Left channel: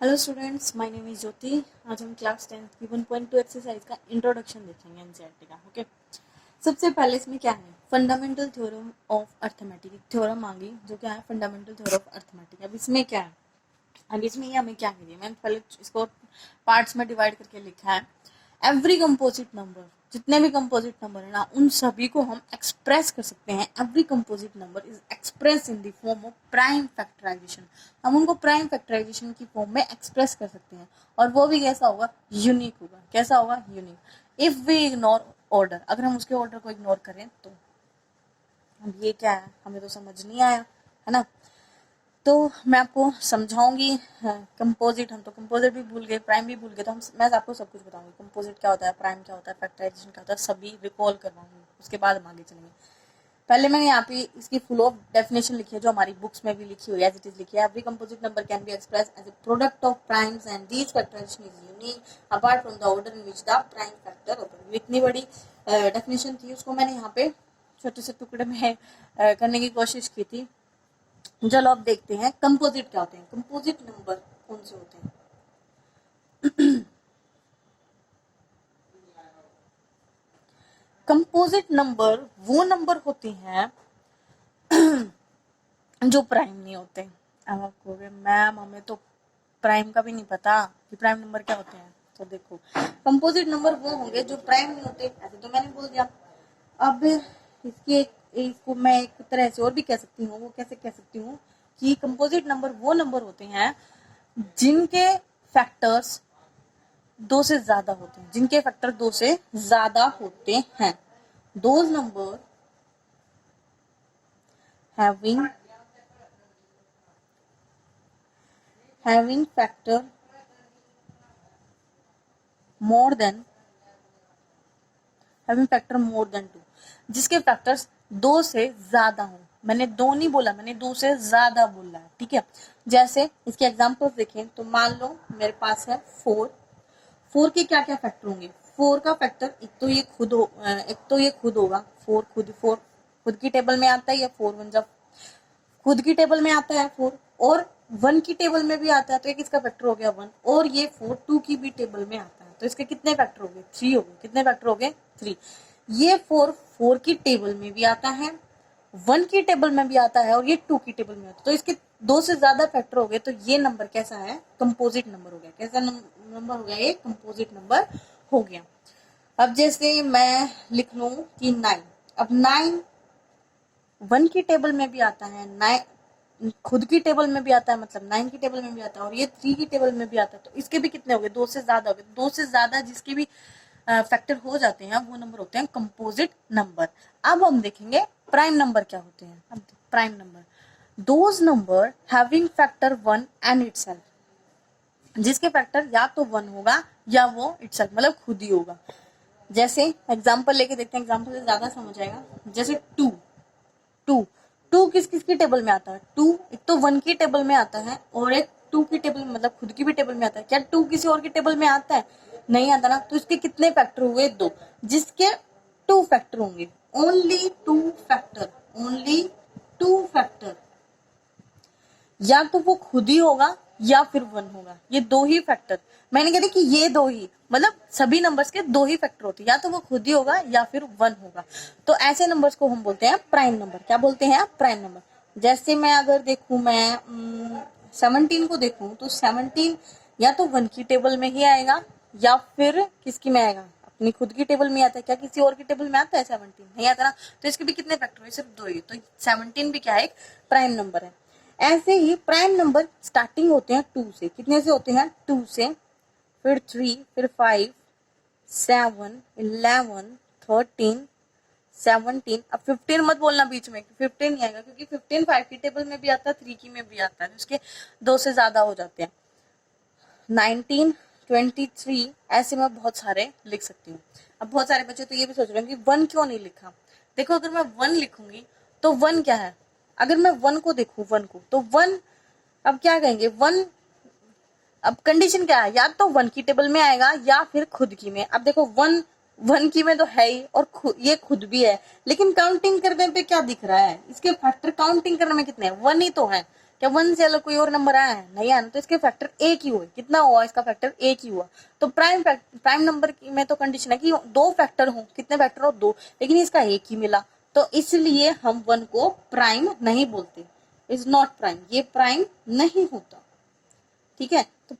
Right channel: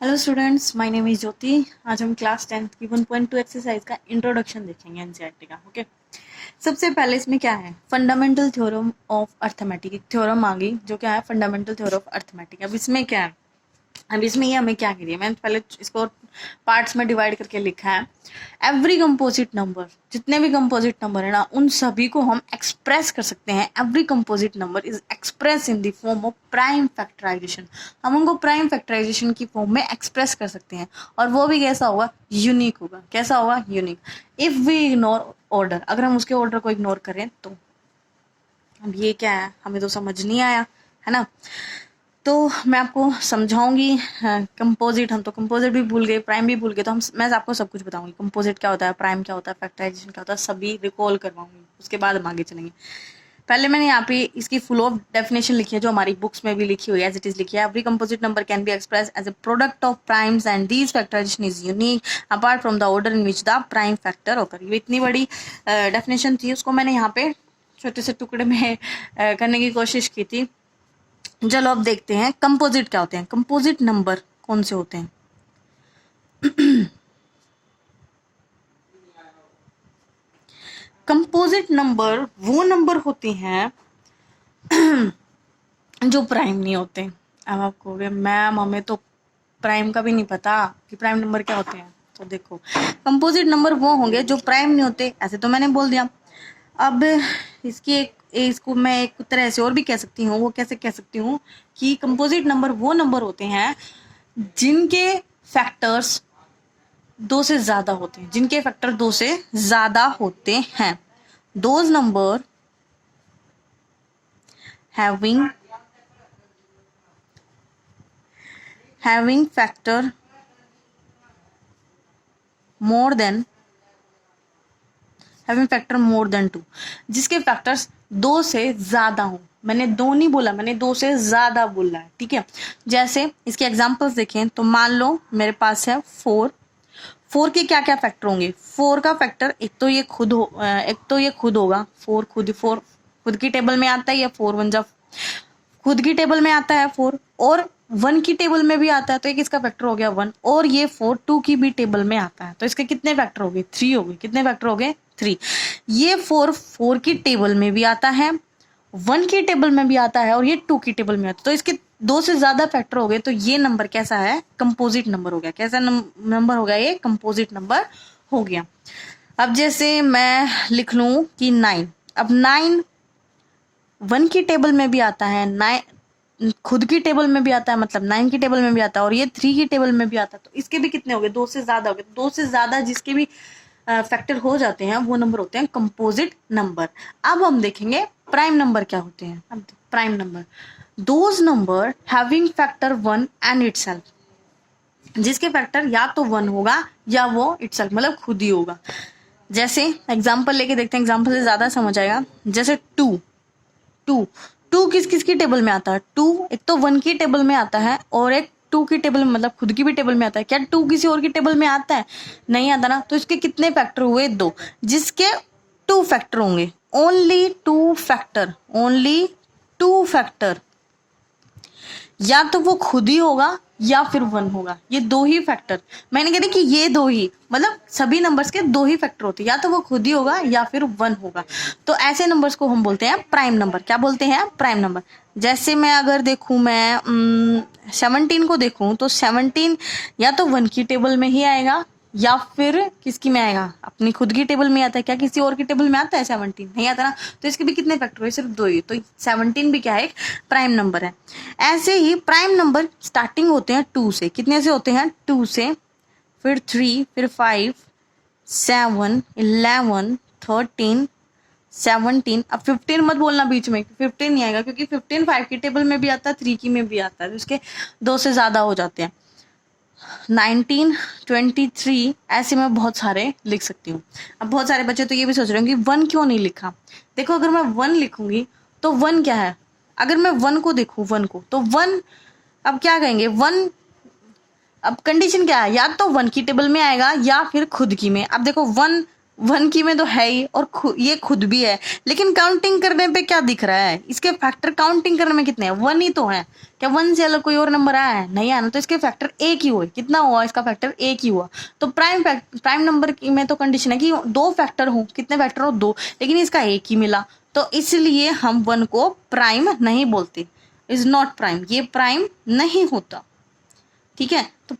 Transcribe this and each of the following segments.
Hello students, my name is Jyoti. आज हम class 10th की 1.2 एक्सरसाइज का इंट्रोडक्शन देखेंगे एनसीईआरटी का। ओके, सबसे पहले इसमें क्या है, फंडामेंटल थ्योरम ऑफ अर्थमेटिक। एक थ्योरम आ गई जो क्या है, फंडामेंटल थ्योरम ऑफ अर्थमेटिक। अब इसमें क्या है, अब इसमें ये हमें क्या करिए, मैंने पहले इसको पार्ट्स में डिवाइड करके लिखा है। एवरी कंपोजिट नंबर, जितने भी कंपोजिट नंबर है ना, उन सभी को हम एक्सप्रेस कर सकते हैं। Every composite number is express in the form of prime factorisation. हम उनको प्राइम फैक्टराइजेशन की फॉर्म में एक्सप्रेस कर सकते हैं, और वो भी कैसा होगा, यूनिक होगा। कैसा होगा, unique. If we ignore order, अगर हम उसके ऑर्डर को इग्नोर करें तो। अब ये क्या है, हमें तो समझ नहीं आया, है ना। तो मैं आपको समझाऊंगी। कंपोजिट, हम तो कंपोजिट भी भूल गए, प्राइम भी भूल गए, तो मैं आपको सब कुछ बताऊंगी। कंपोजिट क्या होता है, प्राइम क्या होता है, फैक्टराइजेशन क्या होता है, सभी रिकॉल करवाऊंगी। उसके बाद हम आगे चलेंगे। पहले मैंने यहाँ पे इसकी फुल ऑफ डेफिनेशन लिखी है, जो हमारी बुक्स में भी लिखी हुई है, एज इट इज लिखी है। Every composite number can be express as a product of primes and these factorisation is unique apart from the order in which the prime factor occur. ये इतनी बड़ी डेफिनेशन थी, उसको मैंने यहाँ पे छोटे से टुकड़े में करने की कोशिश की थी। चलो अब देखते हैं कंपोजिट क्या होते हैं, कंपोजिट नंबर कौन से होते हैं। कंपोजिट नंबर वो नंबर होते हैं जो प्राइम नहीं होते। अब आप कहोगे मैम हमें तो प्राइम का भी नहीं पता कि प्राइम नंबर क्या होते हैं। तो देखो, कंपोजिट नंबर वो होंगे जो प्राइम नहीं होते, ऐसे तो मैंने बोल दिया। अब इसको मैं एक तरह से और भी कह सकती हूँ। वो कैसे कह सकती हूँ कि कंपोजिट नंबर वो नंबर होते हैं जिनके फैक्टर्स 2 से ज्यादा होते हैं, जिनके फैक्टर 2 से ज्यादा होते हैं। Those number having factor more than two, जिसके फैक्टर्स 2 से ज्यादा हो। मैंने 2 नहीं बोला, मैंने 2 से ज्यादा बोला है, ठीक है। जैसे इसके एग्जांपल्स देखें तो मान लो मेरे पास है 4 के क्या क्या फैक्टर होंगे। 4 का फैक्टर एक तो ये खुद होगा। 4 खुद की टेबल में आता है, या 4 1 जा खुद की टेबल में आता है 4, और 1 की टेबल में भी आता है, तो एक इसका फैक्टर हो गया 1। और ये 4 2 की भी टेबल में आता है, तो इसके कितने फैक्टर हो गए, 3 हो गए। कितने फैक्टर हो गए, 3। ये 4 की टेबल में भी आता है, 1 की टेबल में भी आता है, और ये 2 की टेबल में आता है, तो इसके 2 से ज्यादा फैक्टर हो गए। तो ये नंबर कैसा है, कंपोजिट नंबर हो गया। कैसा नंबर हो गया, ये कंपोजिट नंबर हो गया। अब जैसे मैं लिख लूं कि 9। अब 9 1 की टेबल में भी आता है, 9 खुद की टेबल में भी आता है, मतलब 9 की टेबल में भी आता है, और ये 3 की टेबल में भी आता है। तो इसके भी कितने हो गए, 2 से ज्यादा हो गए। 2 से ज्यादा जिसके भी फैक्टर हो जाते हैं, वो नंबर होते हैं कंपोजिट नंबर। अब हम देखेंगे प्राइम नंबर क्या होते हैं। अब prime number, those number having factor 1 and itself, जिसके फैक्टर या तो 1 होगा या वो इटसेल्फ मतलब खुद ही होगा। जैसे एग्जांपल लेके देखते हैं, एग्जांपल से ज्यादा समझ आएगा। जैसे 2 टू टू किस किस की टेबल में आता है, 2 एक तो 1 की टेबल में आता है, और एक 2 की टेबल में मतलब खुद की भी टेबल में आता है। क्या 2 किसी और की टेबल में आता है, नहीं आता ना। तो इसके कितने फैक्टर हुए, 2। जिसके 2 फैक्टर होंगे, ओनली 2 फैक्टर, या तो वो खुद ही होगा या फिर 1 होगा। ये 2 ही फैक्टर, मैंने कहा कि ये 2 ही, मतलब सभी नंबर्स के 2 ही फैक्टर होते हैं, या तो वो खुद ही होगा या फिर 1 होगा। तो ऐसे नंबर्स को हम बोलते हैं प्राइम नंबर। क्या बोलते हैं, प्राइम नंबर। जैसे मैं अगर देखूं, मैं 17 को देखूं, तो 17 या तो 1 की टेबल में ही आएगा, या फिर किसकी में आएगा, अपनी खुद की टेबल में आता है। क्या किसी और की टेबल में आता है 17, नहीं आता ना। तो इसके भी कितने फैक्टर हुए, सिर्फ 2 ही। तो 17 भी क्या है, एक प्राइम नंबर है। ऐसे ही प्राइम नंबर स्टार्टिंग होते हैं 2 से। कितने से होते हैं, 2 से, फिर 3, फिर 5, 7, 11, 13, 17। अब 15 मत बोलना बीच में, 15 नहीं आएगा, क्योंकि 15 5 की टेबल में भी आता है, 3 की में भी आता है, तो इसके 2 से ज्यादा हो जाते हैं। 19, 23, ऐसे मैं बहुत सारे लिख सकती हूँ। अब बहुत सारे बच्चे तो ये भी सोच रहे होंगे 1 क्यों नहीं लिखा। देखो, अगर मैं 1 लिखूंगी तो 1 क्या है, अगर मैं 1 को देखूं, 1 को, तो 1, अब क्या कहेंगे 1, अब कंडीशन क्या है, या तो 1 की टेबल में आएगा या फिर खुद की में। अब देखो 1 वन की में तो है ही, और ये खुद भी है, लेकिन काउंटिंग करने पे क्या दिख रहा है, इसके फैक्टर काउंटिंग करने में कितने हैं, वन ही तो है। क्या वन से अलग कोई और नंबर आया है, नहीं आया ना, तो इसके फैक्टर एक ही हुए, कितना हुआ इसका फैक्टर एक ही हुआ। तो प्राइम नंबर की में तो कंडीशन है कि दो फैक्टर हो, कितने फैक्टर हो, दो, लेकिन इसका एक ही मिला, तो इसलिए हम वन को प्राइम नहीं बोलते, इज नॉट प्राइम, ये प्राइम नहीं होता। ठीक है, तो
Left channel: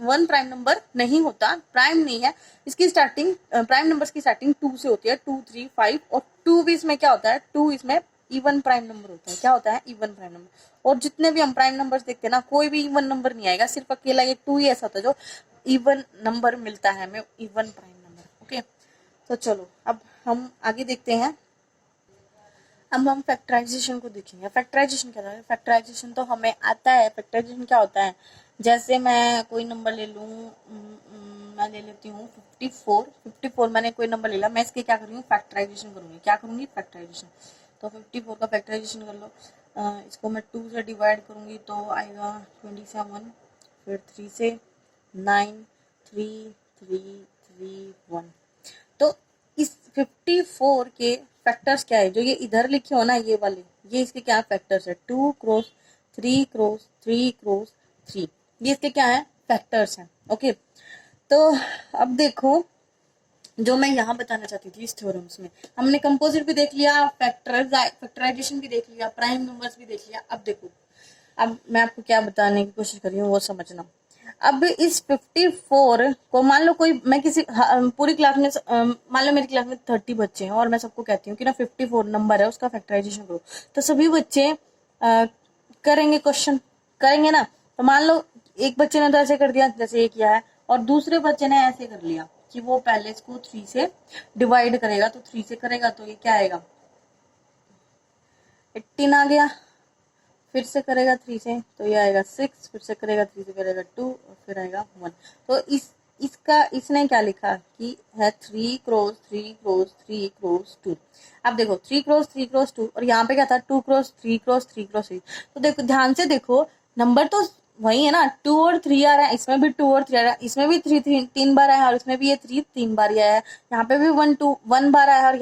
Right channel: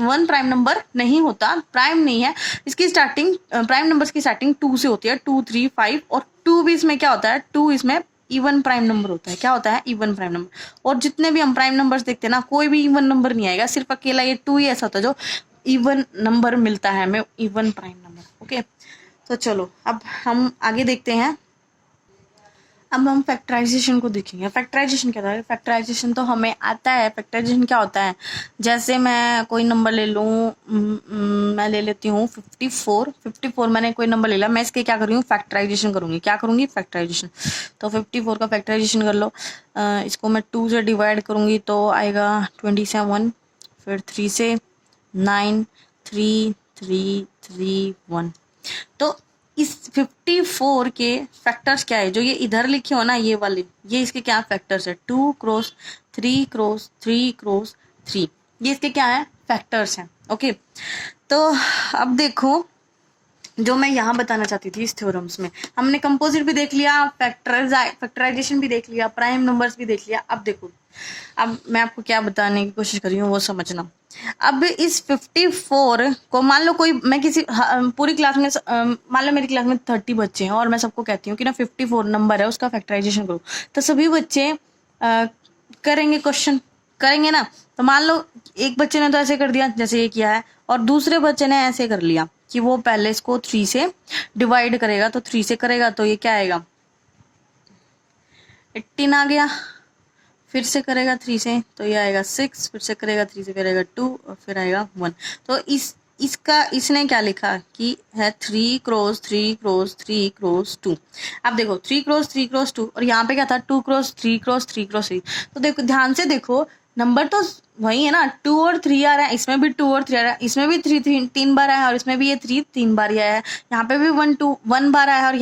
वन प्राइम नंबर नहीं होता, प्राइम नहीं है। इसकी स्टार्टिंग प्राइम नंबर्स की स्टार्टिंग 2 से होती है, 2 3 5, और 2 भी इसमें क्या होता है, 2 इसमें इवन प्राइम नंबर होता है। क्या होता है, इवन प्राइम नंबर। और जितने भी हम प्राइम नंबर्स देखते हैं ना, कोई भी इवन नंबर नहीं आएगा, सिर्फ अकेला ये 2 ही ऐसा होता है जो इवन नंबर मिलता है हमें, इवन प्राइम नंबर। ओके, तो चलो अब हम आगे देखते हैं। अब हम फैक्टराइजेशन को देखेंगे। फैक्टराइजेशन क्या था, फैक्टराइजेशन तो हमें आता है। फैक्टराइजेशन क्या होता है, जैसे मैं कोई नंबर ले लूँ, मैं ले लेती हूँ 54 मैंने कोई नंबर ले लिया, मैं इसके क्या कर रही हूँ, फैक्टराइजेशन करूंगी। क्या करूंगी, फैक्टराइजेशन। तो 54 का फैक्टराइजेशन कर लो। इसको मैं 2 से डिवाइड करूंगी तो आएगा 27, फिर 3 से 9, 3 3 3 1। तो इस 54 के फैक्टर्स क्या है, जो ये इधर लिखे हो ना, ये वाले, ये इसके क्या फैक्टर्स है, 2 क्रॉस 3 क्रॉस 3 क्रॉस 3, ये इसके क्या है, फैक्टर्स हैं। ओके, तो अब देखो, जो मैं यहाँ बताना चाहती थी इस थ्योरम्स में, हमने कंपोजिट भी देख लिया, फैक्टराइजेशन भी देख लिया, प्राइम नंबर्स भी देख लिया। अब देखो, अब मैं आपको क्या बताने की कोशिश कर रही हूँ वो समझना। अब इस 54 को मान लो कोई, मैं किसी पूरी क्लास में, मान लो मेरी क्लास में 30 बच्चे हैं और मैं सबको कहती हूँ कि ना 54 नंबर है, उसका फैक्टराइजेशन करो, तो सभी बच्चे करेंगे, क्वेश्चन करेंगे ना। तो मान लो एक बच्चे ने तो ऐसे कर दिया जैसे ये किया है, और दूसरे बच्चे ने ऐसे कर लिया कि वो पहले इसको 3 से डिवाइड करेगा, तो 3 से करेगा तो ये क्या आएगा, 18 आ गया। फिर से करेगा 3 से तो ये आएगा 6, फिर से करेगा 3 से फिर आएगा 2, और फिर आएगा 1। तो इसका इसने क्या लिखा कि है 3 क्रॉस 3 क्रॉस 3 क्रॉस 2। अब देखो 3 क्रॉस 3 क्रॉस 2, और यहाँ पे क्या था, 2 क्रॉस 3 क्रॉस 3 क्रॉस 3। तो देखो ध्यान से देखो, नंबर तो वही है ना, 2 और 3 आ रहा है, इसमें भी 2 और 3 आ रहा है, इसमें भी 3 बार आया है, और इसमें भी ये 3 बार ही आया है। यहाँ पे भी 1 बार आया है, और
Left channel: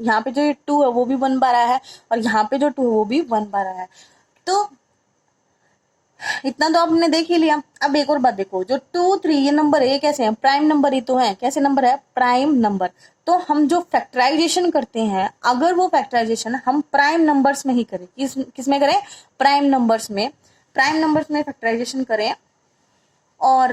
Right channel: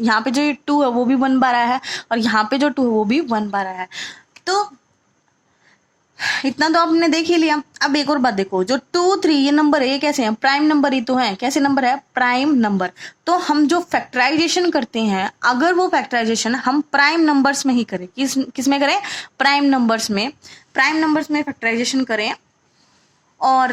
यहाँ पे जो 2 है वो भी 1 बार आया है, और यहाँ पे जो 2 है वो भी 1 बार आया है। तो इतना तो आपने देख ही लिया। अब एक और बात देखो, जो 2 3 ये नंबर है, ये कैसे हैं, प्राइम नंबर ही तो है। कैसे नंबर है, प्राइम नंबर। तो हम जो फैक्टराइजेशन करते हैं, अगर वो फैक्टराइजेशन हम प्राइम नंबर्स में ही करें, किस में करें, प्राइम नंबर्स में फैक्टराइजेशन करें, और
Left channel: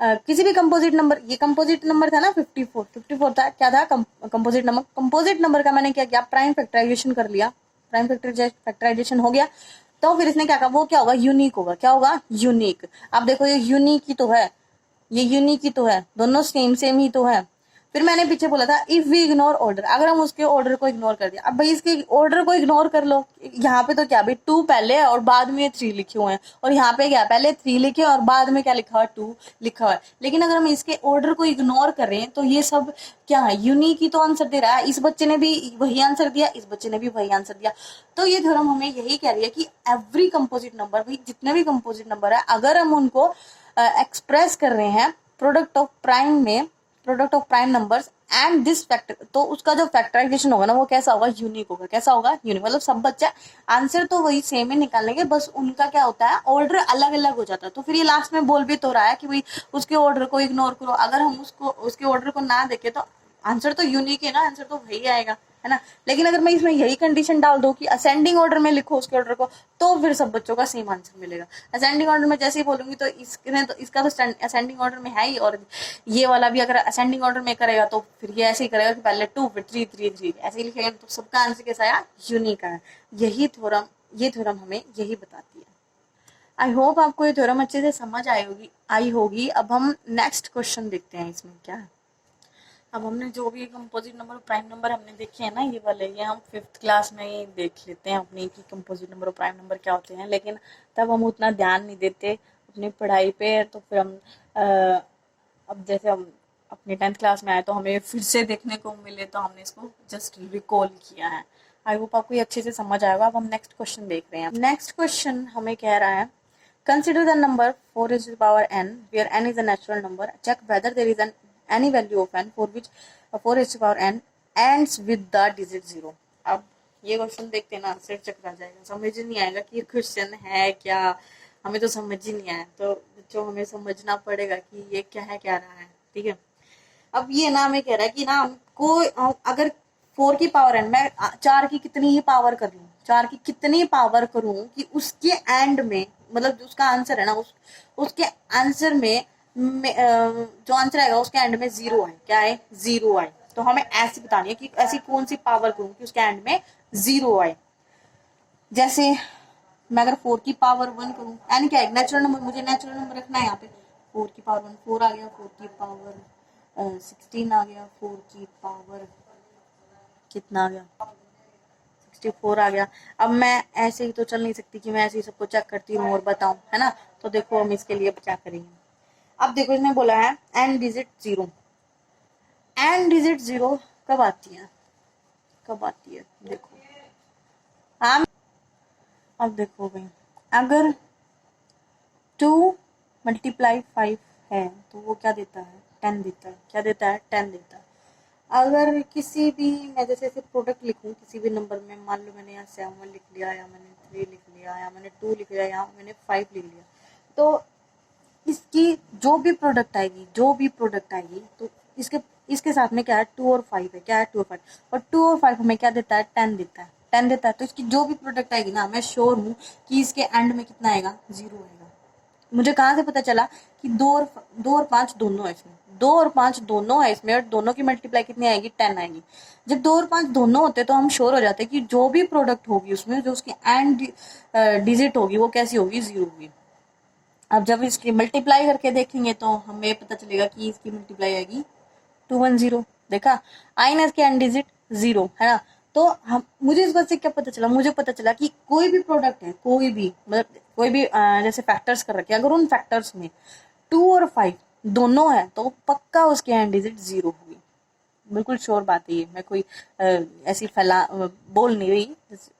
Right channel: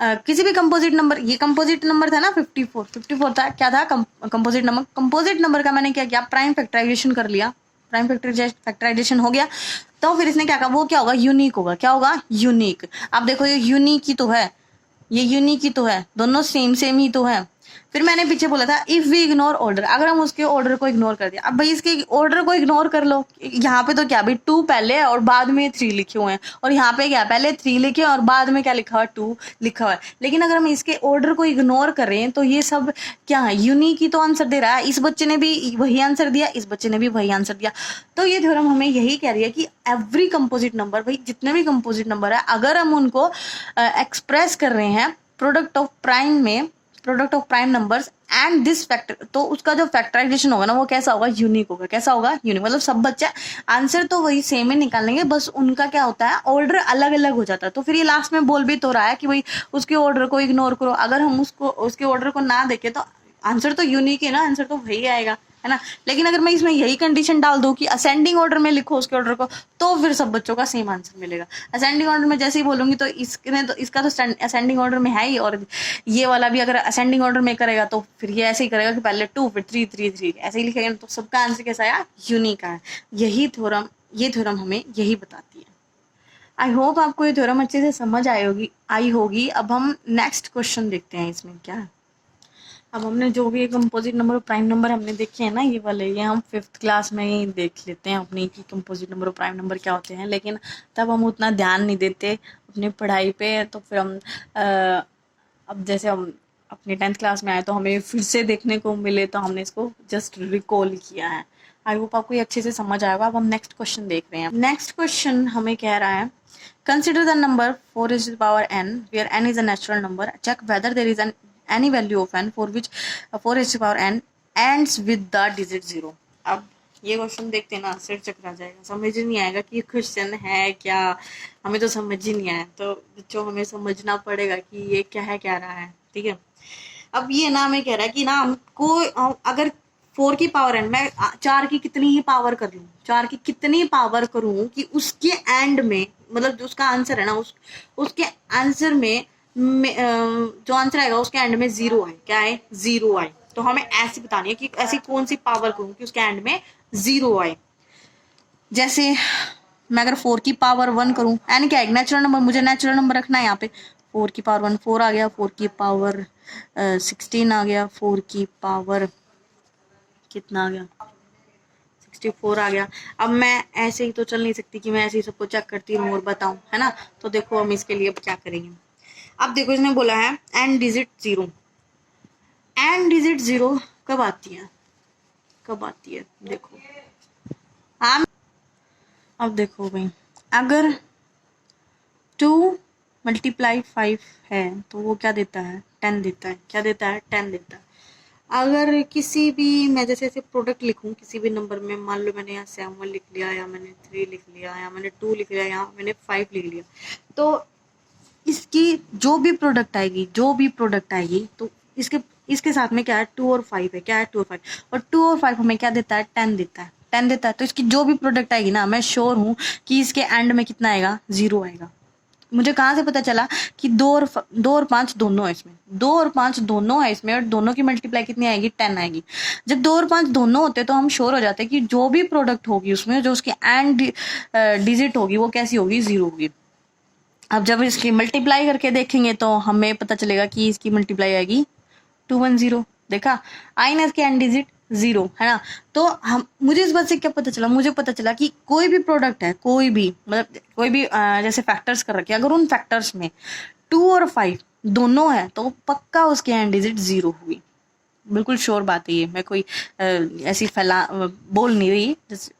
किसी भी कंपोजिट नंबर, ये कंपोजिट नंबर था ना 54 था, क्या था, कंपोजिट नंबर का मैंने क्या किया, प्राइम फैक्टराइजेशन कर लिया, प्राइम फैक्टराइजेशन हो गया। तो फिर इसने क्या कहा, वो क्या होगा, यूनिक होगा। क्या होगा, यूनिक। अब देखो ये यूनिक ही तो है, ये यूनिक ही तो है, दोनों सेम ही तो है। फिर मैंने पीछे बोला था इफ वी इग्नोर ऑर्डर, अगर हम उसके ऑर्डर को इग्नोर कर दिया। अब भाई इसके ऑर्डर को इग्नोर कर लो, यहाँ पे तो क्या भाई 2 पहले है और बाद में 3 लिखे हुए हैं, और यहाँ पे क्या पहले 3 लिखे और बाद में क्या लिखा हुआ, 2 लिखा हुआ है। लेकिन अगर हम इसके ऑर्डर को इग्नोर करें तो ये सब क्या है, यूनिक ही तो आंसर दे रहा है। इस बच्चे ने भी वही आंसर दिया, इस बच्चे ने भी वही आंसर दिया। तो ये थ्योरम हमें यही कह रही है कि एवरी कंपोजिट नंबर, भाई जितने भी कंपोजिट नंबर है, अगर हम उनको एक्सप्रेस कर रहे हैं product of prime numbers and this factor, तो उसका जो फैक्टराइजेशन होगा ना, वो कैसा होगा, यूनिक होगा। कैसा होगा, यूनिक। मतलब सब बच्चे आंसर तो वही सेम ही निकालेंगे, बस उनका क्या होता है, ऑर्डर अलग अलग हो जाता है। तो फिर ये लास्ट में बोल भी तो रहा है कि भाई उसके ऑर्डर को इग्नोर करो। अगर हम उसके ऑर्डर को ना देखे तो आंसर तो यूनिक है ना, आंसर तो वही आएगा, है ना। लेकिन अगर मैं इसमें यही कंडीशन डाल दूं कि असेंडिंग ऑर्डर में लिखो उसके ऑर्डर को, तो फिर सब बच्चों का सेम आंसर मिलेगा। असेंडिंग ऑर्डर में जैसे ही बोलूंगी तो इसका तो असेंडिंग ऑर्डर में है ही, और ये वाला भी अगर असेंडिंग ऑर्डर में करेगा तो फिर ये ऐसे ही करेगा कि पहले 2 फिर 3 3 3 ऐसे ही लिखेगा। तो सबका आंसर कैसा आया, यूनिक आया। ये थ्योरम हमें यही बताती है। आई होप आपको ये थ्योरम अच्छे से समझ आई होगी। अब हम नेक्स्ट क्वेश्चन देखते हैं, इसमें क्या है। अब हमने जो भी कंपोजिट नंबर और प्राइम नंबर हमने देखे हैं ना, ये वाले, ये हम 5th क्लास में ही देख लेते हैं अपनी कि कंपोजिट नंबर और प्राइम नंबर क्या होते हैं। लेकिन तब हम उतना ध्यान नहीं देते अपनी पढ़ाई पे। तो फिर हम अब जैसे हम अपनी 10th क्लास में आए तो हमें फिर से देखने को मिले, तो हमने इसको जस्ट रिकॉल किया है। आई होप आपको ये अच्छे से समझ आएगा। अब हम नेक्स्ट क्वेश्चन देख रहे हैं। नेक्स्ट क्वेश्चन हमें कह रहा है, consider the number 4 raised to the power n where n is a natural number. Check whether there is an any value of n for which 4n ends with the digit 0। अब ये question देखते हैं ना, सिर चकरा जाएगा, समझ ही नहीं आएगा कि ये क्वेश्चन है क्या, हमें तो समझ ही नहीं आया। तो बच्चों हमें समझना पड़ेगा कि ये क्या है, क्या रहा है, ठीक है। अब ये ना हमें कह रहा है कि ना हमको अगर 4 की पावर n, मैं 4 की कितनी ही पावर कर लूँ, 4 की कितनी पावर करूँ कि उसके एंड में, मतलब जो उसका आंसर है ना, उसके आंसर में जो आंसर आएगा उसके एंड में 0 आए। क्या है? 0 आए। तो हमें ऐसी बतानी है कि ऐसी कौन सी पावर करूँ कि उसके एंड में 0 आए। जैसे मैं अगर 4 की पावर 1 करूं, एन क्या है? नेचुरल नंबर, मुझे नेचुरल नंबर रखना है यहाँ पे। 4 की पावर 1 4 आ गया, 4 की पावर 16 आ गया, 4 की पावर कितना आ गया? 64 आ गया। अब मैं ऐसे ही तो चल नहीं सकती कि मैं ऐसे ही सबको चेक करती रहूं और बताऊं, है ना। तो देखो हम इसके लिए क्या करेंगे। अब देखो इसने बोला है एन डिजिट 0। एन डिजिट 0 कब आती है? कब आती है देखो। हाँ, अब देखो भाई, अगर 2 मल्टीप्लाई 5 है तो वो क्या देता है? 10 देता है। क्या देता है? 10 देता है। अगर किसी भी, मैं जैसे ऐसे प्रोडक्ट लिखूं किसी भी नंबर में, मान लो मैंने यहाँ 7 लिख लिया, या मैंने 3 लिख लिया, या मैंने 2 लिख लिया, या मैंने 5 लिख लिया, तो इसकी जो भी प्रोडक्ट आएगी, जो भी प्रोडक्ट आएगी, तो इसके इसके साथ में क्या है? 2 और 5 है। क्या है? 2 और 5। और 2 और 5 हमें क्या देता है? 10 देता है। 10 देता है। तो इसकी जो भी प्रोडक्ट आएगी ना, मैं श्योर हूँ कि इसके एंड में कितना आएगा? 0 आएगा। मुझे कहाँ से पता चला कि 2 और 5 दोनों है इसमें। 2 और 5 दोनों है इसमें, और दोनों की मल्टीप्लाई कितनी आएगी? 10 आएगी। जब 2 और 5 दोनों होते तो हम श्योर हो जाते कि जो भी प्रोडक्ट होगी उसमें, जो उसकी एंड डिजिट होगी, वो कैसी होगी? 0 होगी। अब जब इसकी मल्टीप्लाई करके देखेंगे तो हमें पता चलेगा कि इसकी मल्टीप्लाई आएगी 210। देखा, आई ना इसके एंड डिजिट 0, है ना। तो हम, मुझे इस बात से क्या पता चला? मुझे पता चला कि कोई भी प्रोडक्ट है, कोई भी, मतलब कोई भी जैसे फैक्टर्स कर रखे, अगर उन फैक्टर्स में 2 और 5 दोनों है तो पक्का उसके एंड डिजिट 0 हुई। बिल्कुल श्योर बात है ये, मैं कोई ऐसी फैला बोल नहीं रही।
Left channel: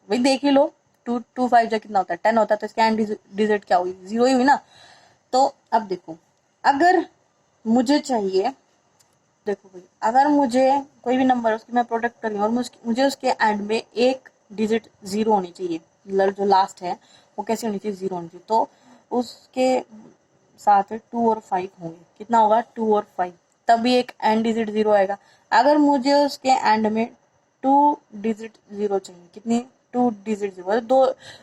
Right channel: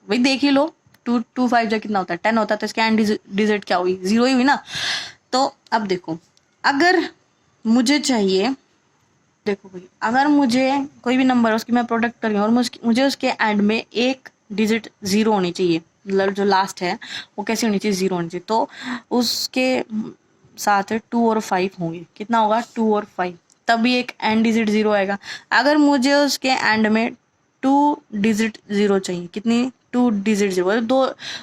वही देख ही लो, 2 2 5 जो कितना होता है? 10 होता है। तो इसके एंड डिजिट क्या हुई? 0 ही हुई ना। तो अब देखो, अगर मुझे चाहिए, देखो भाई, अगर मुझे कोई भी नंबर उसकी मैं प्रोडक्ट कर रही हूँ और मुझे उसके एंड में एक डिजिट 0 होनी चाहिए, मतलब जो लास्ट है वो कैसी होनी चाहिए? 0 होनी चाहिए। तो उसके साथ 2 और 5 होंगे। कितना होगा? 2 और 5, तभी एक एंड डिजिट 0 आएगा। अगर मुझे उसके एंड में 2 डिजिट 0 चाहिए, कितनी? 2 डिजिट 0,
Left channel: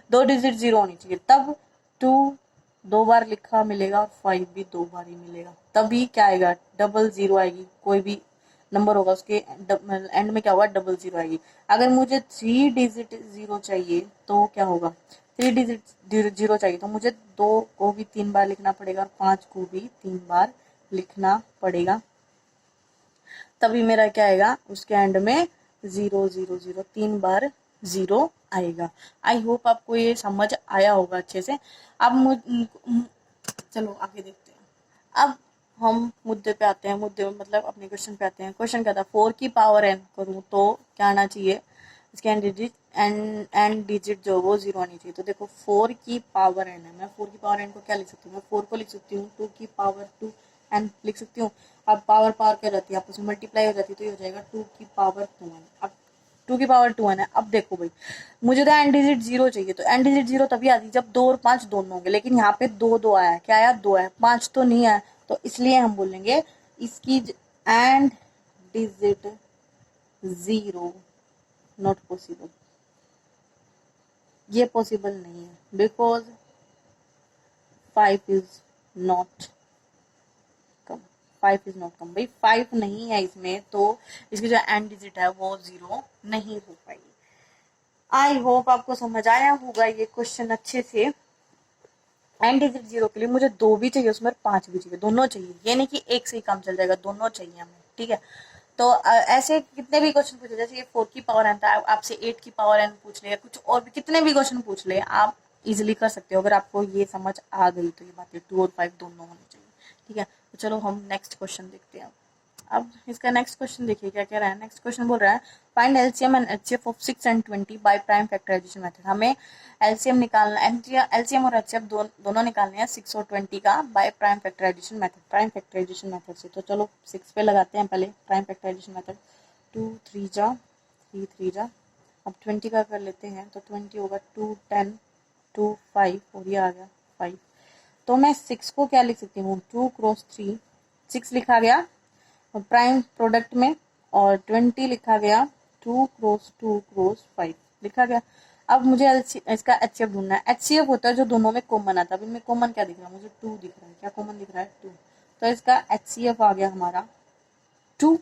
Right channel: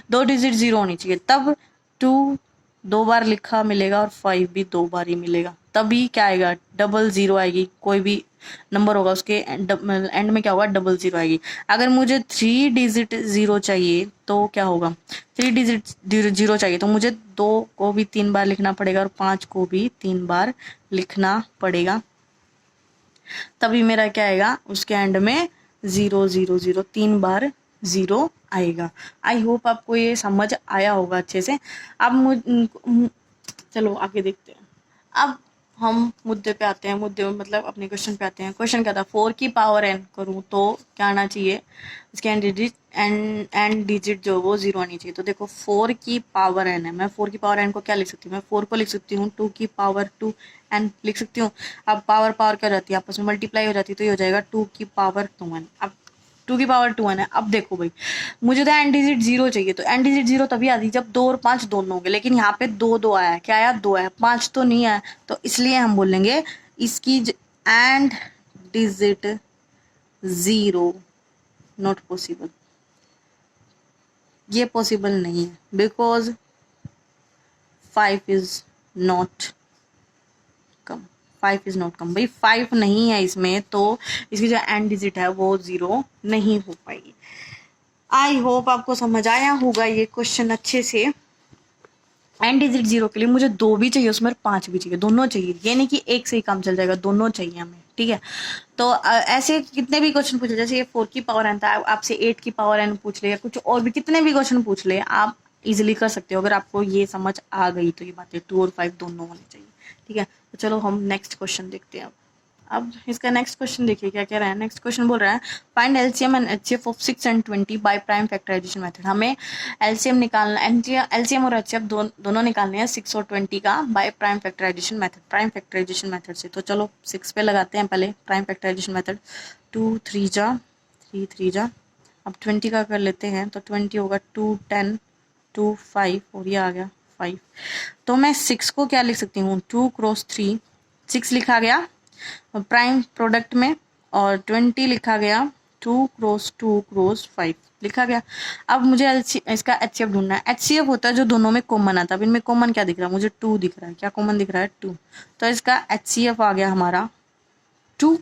दो डिजिट 0 होनी चाहिए, तब 2 2 बार लिखा मिलेगा और 5 भी 2 बार ही मिलेगा, तभी क्या आएगा? डबल 0 आएगी। कोई भी नंबर होगा उसके एंड में क्या होगा? डबल 0 आएगी। अगर मुझे 3 डिजिट 0 चाहिए तो क्या होगा? 3 डिजिट 0 चाहिए तो मुझे 2 को भी 3 बार लिखना पड़ेगा और 5 को भी 3 बार लिखना पड़ेगा, तभी मेरा क्या आएगा? उसके एंड में 0 0 0 3 बार 0 आएगा। आई होप आपको ये समझ आया होगा अच्छे से। अब चलो आगे देखते हैं। अब हम मुद्दे पे आते हैं, मुद्दे में मतलब अपने क्वेश्चन पे आते हैं। क्वेश्चन क्या था? 4 की पावर n करूँ तो क्या आना चाहिए? इसके एंड डिजिट जो वो 0 आनी चाहिए। तो देखो 4 की पावर n है, मैं 4 की पावर n को क्या लिख सकती हूँ? मैं 4 को लिख सकती हूँ 2 की पावर 2 n लिख सकती हूँ। अब पावर पावर क्या हो जाती है? आपस में मल्टीप्लाई हो जाती है, तो ये हो जाएगा 2 की पावर 2n। अब 2 की पावर 2n है। अब देखो भाई, मुझे तो एंड डिजिट 0 चाहिए, तो एंड डिजिट 0 तभी आती जब 2 और 5 दोनों होंगे, लेकिन यहाँ पे 2 2 आया है। क्या आया? 2 आया, 5 तो नहीं आया। तो इसलिए हम बोलेंगे इसकी एंड डिजिट 0 नॉट पॉसिबल। ये पॉसिबल नहीं है, because 5 is not come. 5 is not come भाई, 5 नहीं है इसमें, तो इसकी जो एंड डिजिट है वो 0 नहीं हो पाएगी। आई होप आपको समझ आया होगा ये क्वेश्चन अच्छे से। एंड डिजिट 0 के लिए मुझे 2 भी चाहिए, उसमें 5 भी चाहिए, दोनों चाहिए। ये नहीं कि एक से ही काम चल जाएगा, दोनों चाहिए हमें, ठीक है। तो ऐसे कितने भी क्वेश्चन पूछे, जैसे ये 4 की पावर n था, आपसे 8 की पावर n पूछ ले, या कुछ और भी कितने भी क्वेश्चन पूछ ले, आप इजिली कर सकते हो अगर आपको ये समझ आ गई तो। ये बातें 2 और 5 दोनों होने चाहिए, ठीक है। तो चलो हम नेक्स्ट क्वेश्चन देखते हैं। अब इसका नेक्स्ट क्वेश्चन देखिए क्या कह रहा है। नेक्स्ट क्वेश्चन बोल रहा है find LCM and HCF of 6 and 20 by prime factorisation method. हमें एलसीएम निकालना, एलसीएम और एचसीएफ दोनों निकालने हैं 6 और 20 का by prime factorisation method, prime factorisation method से। तो चलो 6 पे लगाते हैं पहले प्राइम फैक्टराइजेशन मेथड। 2 3 जा 3 3 जा। अब 20 का कर लेते हैं तो 20 होगा 2 10 2 5 और ये आ गया 5। तो मैं 6 को क्या लिख सकती हूँ, 2 क्रॉस 3 6 लिखा गया प्राइम प्रोडक्ट में, और 20 लिखा गया 2 क्रॉस 2 क्रॉस 5 लिखा गया। अब मुझे इसका एचसीएफ ढूंढना है। एचसीएफ होता है जो दोनों में कॉमन आता है। अब इनमें कॉमन क्या दिख रहा है, मुझे 2 दिख रहा है। क्या कॉमन दिख रहा है, 2। तो इसका एचसीएफ आ गया हमारा 2।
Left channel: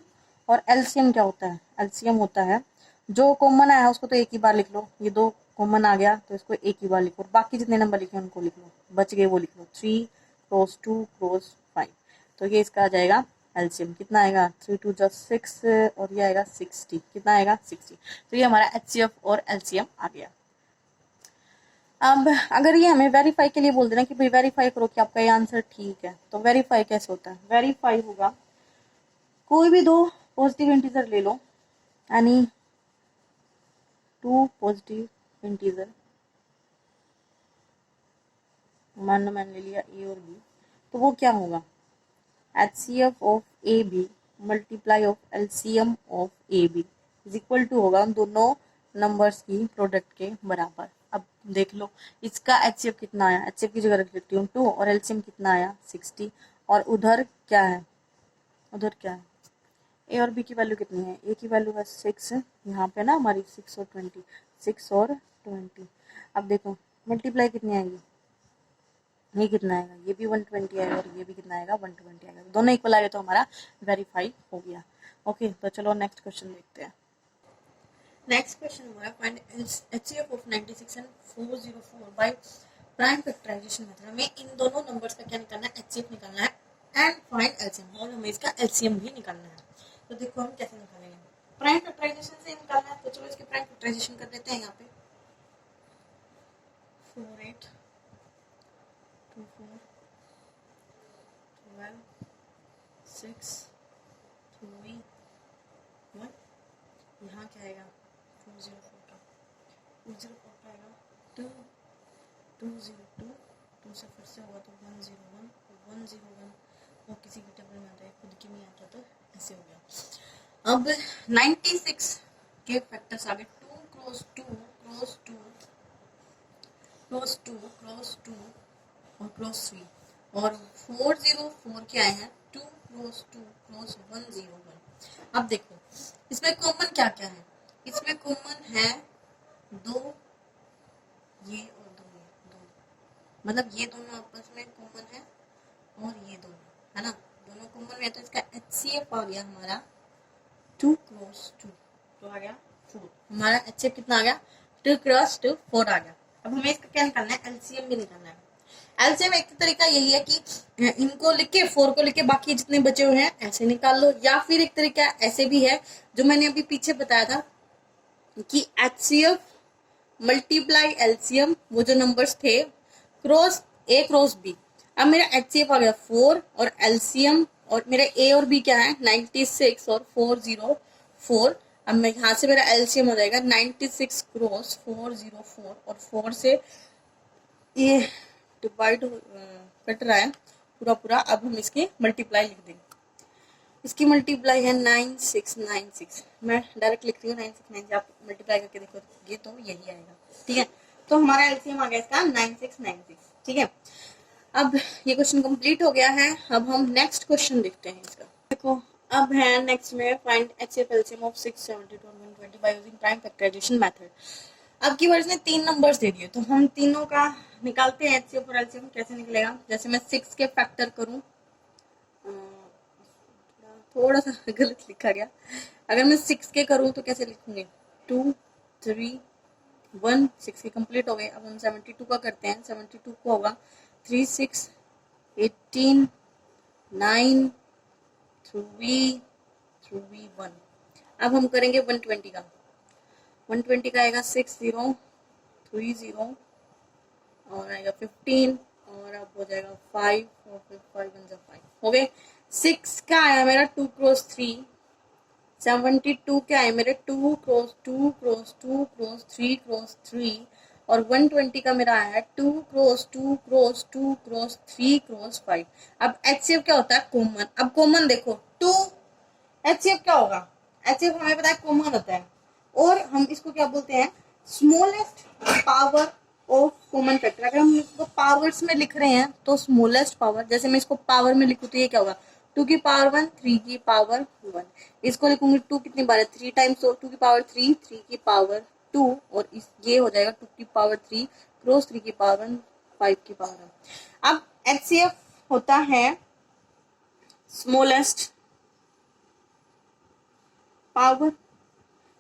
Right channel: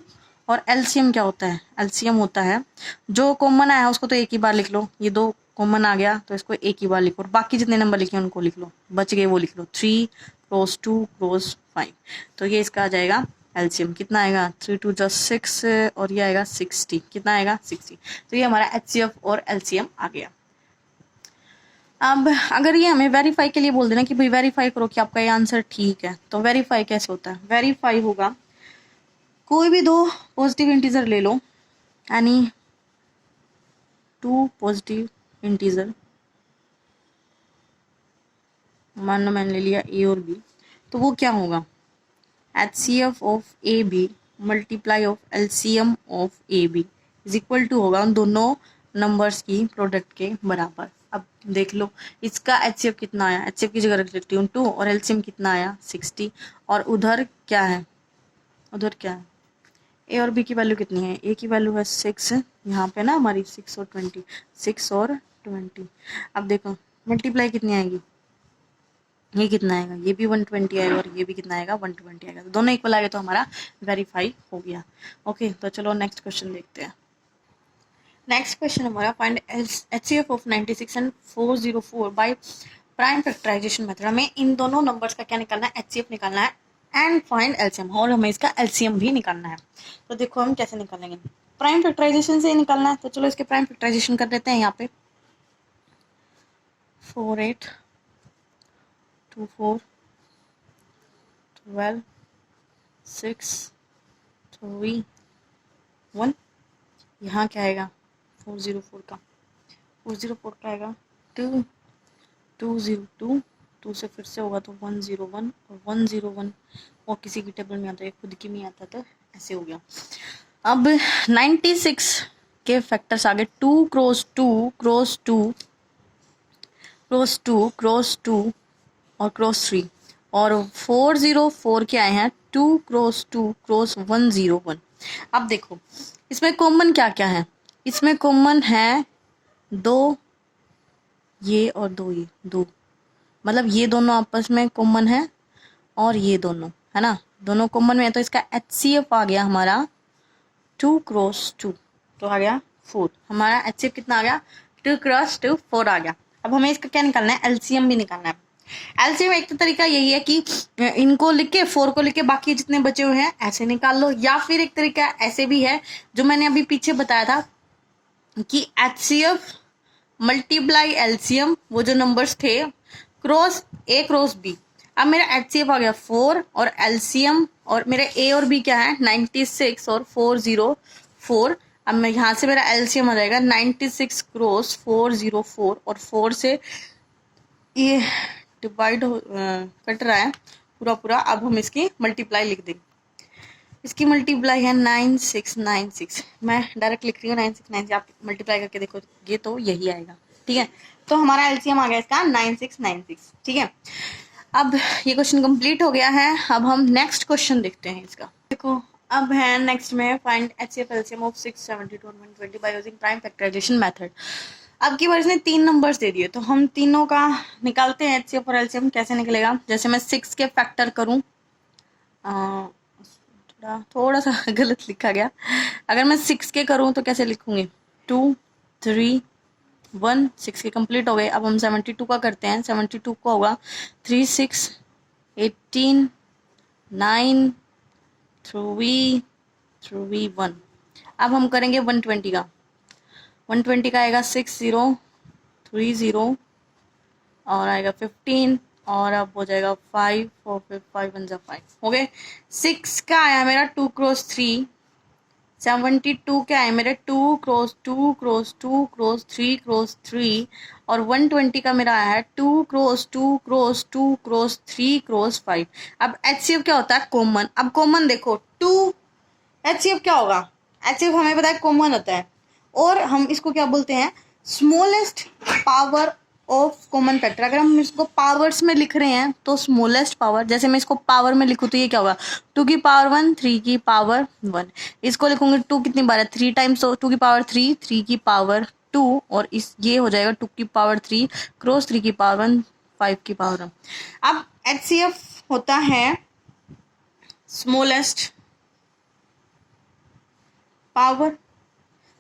और एलसीएम क्या होता है, एलसीएम होता है जो कॉमन आया उसको तो एक ही बार लिख लो, ये 2 कॉमन आ गया तो इसको एक ही बार लिखो, और बाकी जितने नंबर लिखे उनको लिख लो, बच गए वो लिख लो, 3 क्रॉस 2 क्रॉस 5। तो ये इसका आ जाएगा एलसीएम। कितना आएगा, 3 2 जा 6 और ये आएगा 60। कितना आएगा, 60। तो ये हमारा एचसीएफ और एलसीएम आ गया। अब अगर ये हमें वेरीफाई के लिए बोल देना कि भाई वेरीफाई करो कि आपका ये आंसर ठीक है, तो वेरीफाई कैसे होता है, वेरीफाई होगा कोई भी 2 पॉजिटिव इंटीजर ले लो, यानी 2 पॉजिटिव इंटीजर, मान लो मैंने ले लिया ए और बी, तो वो क्या होगा, HCF of A B multiply of LCM of A B is equal to होगा उन दोनों नंबर्स की प्रोडक्ट के बराबर। अब देख लो इसका HCF कितना आया, HCF की जगह रख लेती हूँ 2, और LCM कितना आया 60, और उधर क्या है, उधर क्या है, ए और बी की वैल्यू कितनी है, ए की वैल्यू है 6 यहाँ पे ना हमारी, 6 और 20, 6 और 20। अब देखो मल्टीप्लाई कितनी आएगी, ये कितना आएगा, ये भी 120 आएगा और ये भी कितना आएगा 120 आएगा। तो दोनों इक्वल आ गए तो हमारा वेरीफाई हो गया। ओके, तो चलो नेक्स्ट क्वेश्चन देखते हैं। नेक्स्ट क्वेश्चन हमारा find HCF of 96 and 404 by prime factorisation method. हमें इन दोनों नंबर्स का क्या निकालना है, HCF निकालना है एंड फाइंड LCM, और हमें इसका LCM भी निकालना है। तो देखो हम कैसे निकालेंगे, प्राइम फैक्टराइजेशन से निकालना है। तो चलो इसके प्राइम फैक्टराइजेशन कर देते हैं। यहाँ पे 4 8 2 4 12 6 3 1, यहाँ क्या आएगा 404 का, 404 का आएगा 2 202, 2 से फिर से होगा तो 101 और 101, और किसी की टेबल में आता है खुद की नहीं आता, तो ऐसे हो गया। अब 96 के फैक्टर्स आ गए 2 क्रॉस 2 क्रॉस 2 क्रॉस 2 क्रॉस 2 और क्रॉस 3, और 404 के आए हैं 2 क्रॉस 2 क्रॉस 101। अब देखो इसमें कॉमन क्या क्या है, इसमें कॉमन है 2 ये और 2 ये, 2 मतलब ये दोनों आपस में कॉमन है, और ये दोनों है ना, दोनों कॉमन में है। तो इसका HCF आ गया हमारा 2 क्रॉस 2, तो आ गया 4। हमारा HCF कितना आ गया, 2 क्रॉस 2 4 आ गया। अब हमें इसका क्या निकालना है, LCM भी निकालना है। LCM एक तो तरीका यही है कि इनको लिख के 4 को लिख के बाकी जितने बचे हुए हैं ऐसे निकाल लो, या फिर एक तरीका ऐसे भी है जो मैंने अभी पीछे बताया था कि HCF मल्टीप्लाई LCM, वो जो नंबर्स थे क्रॉस A क्रॉस B। अब मेरा HCF आ गया 4 और LCM और मेरे A और B क्या है 96 और 404। अब मैं यहाँ से मेरा LCM आ जाएगा 96 क्रॉस 404, और 4 से ये डिवाइड कट रहा है पूरा पूरा। अब हम इसकी मल्टीप्लाई लिख देंगे, इसकी मल्टीप्लाई है 9696, मैं डायरेक्ट लिख रही हूँ 9696, आप मल्टीप्लाई करके देखोगे तो यही आएगा। ठीक है, तो हमारा एलसीएम आ गया इसका 9696। ठीक है, अब ये क्वेश्चन कंप्लीट हो गया है। अब हम नेक्स्ट क्वेश्चन देखते हैं इसका। देखो अब है नेक्स्ट में फाइंड HCF LCM ऑफ 6 72 और 120 by using prime factorisation method. अब की बार इसने 3 नंबर्स दे दिए, तो हम तीनों का निकालते हैं HCF और LCM। कैसे निकलेगा, जैसे मैं 6 के फैक्टर करूँ, थोड़ा सा गलत लिखा गया, अगर मैं 6 के करूँ तो कैसे लिखूंगी, 2 3 1, 6 के कंप्लीट हो गए। अब हम 72 का करते हैं, 72 को होगा 3 6 18 9 3 3 1। अब हम करेंगे 120 का, 120 का आएगा 6 0 3 0 और आएगा 15 और अब हो जाएगा 5 और फिर 5 1 जा 5 हो गए। 6 का आया मेरा 2 क्रॉस 3। 72 क्या है मेरे 2 क्रॉस 2 क्रॉस 2 क्रॉस 3 क्रॉस 3। और 120 का मेरा आया है 2 क्रॉस 2 क्रॉस 2 क्रॉस 3 क्रॉस 5। अब HCF क्या होता है? कॉमन। अब कॉमन देखो 2, HCF क्या होगा? HCF हमें पता है कॉमन होता है, और हम इसको क्या बोलते हैं? Smallest power of common factor. अगर हम इसको पावर्स में लिख रहे हैं तो स्मॉलेस्ट पावर, जैसे मैं इसको पावर में लिखूँ तो ये क्या होगा? 2 की पावर 1 3 की पावर 1। इसको लिखूंगी 2 कितनी बार है? 3 टाइम्स, तो 2 की पावर 3 3 की पावर 2, और इस ये हो जाएगा 2 की पावर 3 क्रॉस 3 की पावर 1 5 की पावर 1। अब HCF होता है स्मॉलेस्ट पावर,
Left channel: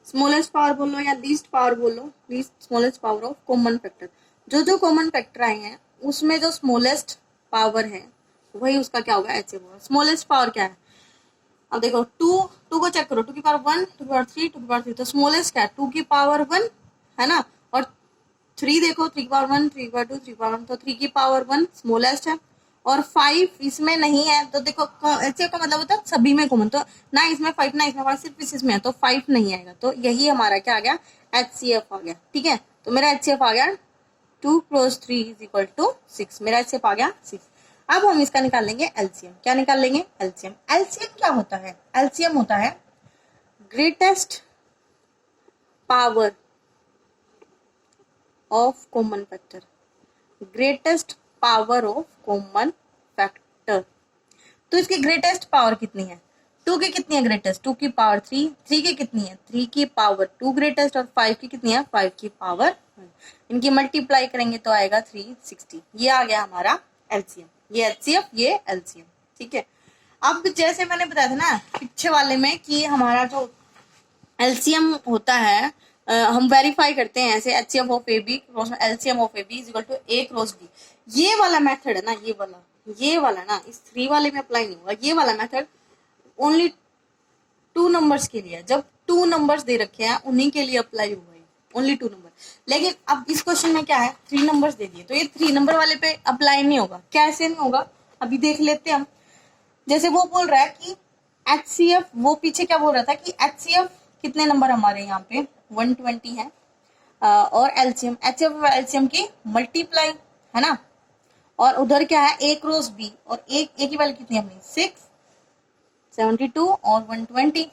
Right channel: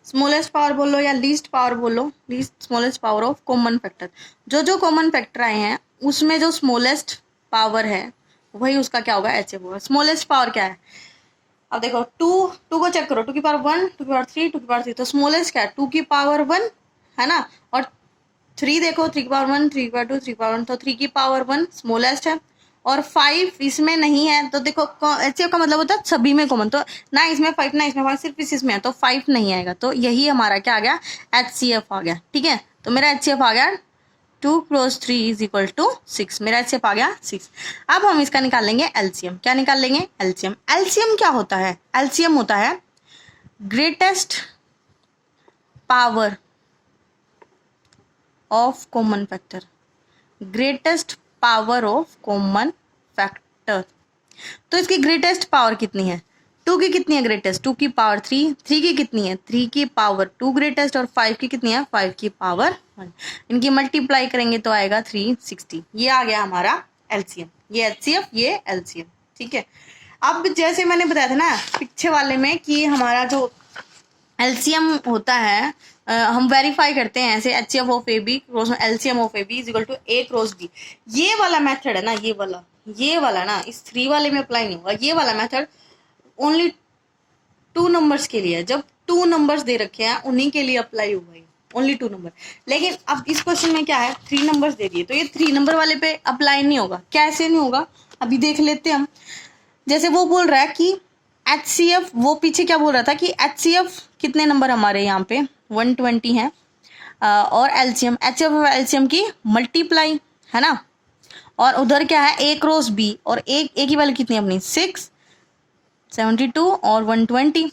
स्मॉलेस्ट पावर बोलो या लीस्ट पावर बोलो, least smallest power of common factor. जो जो कॉमन फैक्टर आए हैं उसमें जो स्मॉलेस्ट पावर है वही उसका क्या होगा? HCF होगा। स्मॉलेस्ट पावर क्या है? अब देखो 2 को चेक करो, 2 की पावर 1 2 की पावर 3 2 की पावर 3, तो स्मॉलेस्ट क्या है? 2 की पावर 1 है ना। और 3 देखो 3 की पावर 1 3 की पावर 2 3 की पावर 1, तो 3 की पावर 1 स्मॉलेस्ट है। और 5 इसमें नहीं है, तो देखो HCF का मतलब होता है सभी में कॉमन, तो ना इसमें 5 ना इसमें 5, सिर्फ इसमें है, तो 5 नहीं आएगा। तो यही हमारा क्या आ गया? HCF आ गया। ठीक है, तो मेरा HCF आ गया 2 क्रॉस 3 इज इक्वल टू 6। मेरा HCF आ गया 6। अब हम इसका निकाल लेंगे LCM। क्या निकाल लेंगे? LCM। LCM क्या होता है? LCM होता है greatest power of common factor. Greatest power of common factor. तो इसकी ग्रेटेस्ट पावर कितनी है? 2 की कितनी है ग्रेटेस्ट? 2 की पावर 3। 3 की कितनी है? 3 की पावर 2 ग्रेटेस्ट। और 5 की कितनी है? 5 की पावर 1। इनकी मल्टीप्लाई करेंगे तो आएगा 360। ये आ गया हमारा LCM। ये HCF, ये LCM। ठीक है, अब जैसे मैंने बताया था ना पीछे वाले में कि हमारा जो LCM होता है, हम वेरीफाई करते हैं ऐसे HCF of AB cross LCM of AB is equal to A cross D। ये वाला मेथड है ना, ये वाला ना इस 3 वाले में अप्लाई नहीं होगा। ये वाला मेथड ओनली 2 नंबर्स के लिए है। जब 2 नंबर्स दे रखे हैं उन्हीं के लिए अप्लाई होगा, ओनली 2 नंबर। लेकिन अब इस क्वेश्चन में क्या है? 3 नंबर्स दे दिए, तो ये 3 नंबर वाले पे अप्लाई नहीं होगा। कैसे नहीं होगा अभी देख लेते हैं हम। जैसे वो बोल रहा है कि HCF, वो पीछे क्या बोल रहा था कि HCF कितने नंबर हमारे यहाँ पे 120 है, और LCM HCF और LCM की मल्टीप्लाई है ना। और उधर क्या है? A क्रॉस B, और A की वैल्यू कितनी है अपनी? 6 72 और 120।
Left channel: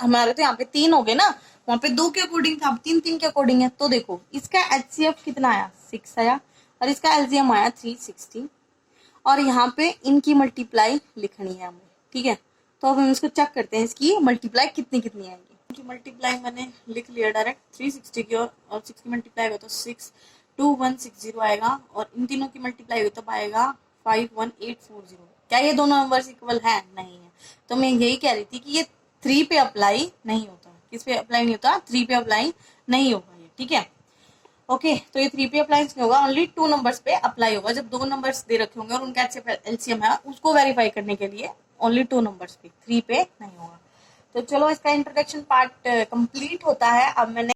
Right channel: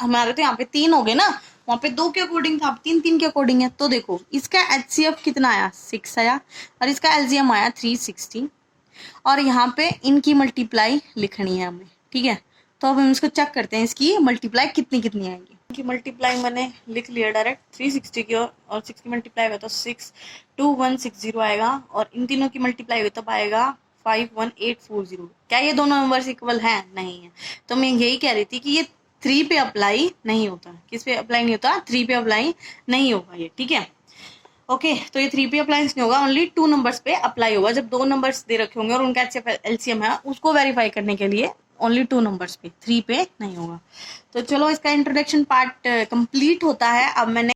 हमारे तो यहाँ पे 3 हो गए ना, वहां पे 2 के अकॉर्डिंग था, अब 3 3 के अकॉर्डिंग है। तो देखो इसका HCF कितना आया? 6 आया, और इसका LCM आया 360। और यहाँ पे इनकी मल्टीप्लाई लिखनी है हमें। ठीक है, तो अब हम इसको चेक करते हैं इसकी मल्टीप्लाई कितनी कितनी आएंगी। इनकी मल्टीप्लाई मैंने लिख लिया डायरेक्ट 360 की, और 6 की मल्टीप्लाई हुआ तो 62160 आएगा, और इन तीनों की मल्टीप्लाई हुई तब आएगा 51840। क्या ये दोनों नंबर्स इक्वल है? नहीं है। तो मैं यही कह रही थी कि ये 3 पे अप्लाई नहीं होता। किस पे अप्लाई नहीं होता? 3 पे अप्लाई नहीं होगा ये। ठीक है, ओके, तो ये 3 पे अप्लाई नहीं होगा, ओनली 2 नंबर्स पे अप्लाई होगा। जब 2 नंबर्स दे रखे होंगे और उनका LCM है, उसको वेरीफाई करने के लिए ओनली 2 नंबर्स पे, 3 पे नहीं होगा। तो चलो इसका इंट्रोडक्शन पार्ट कंप्लीट होता है। अब मैंने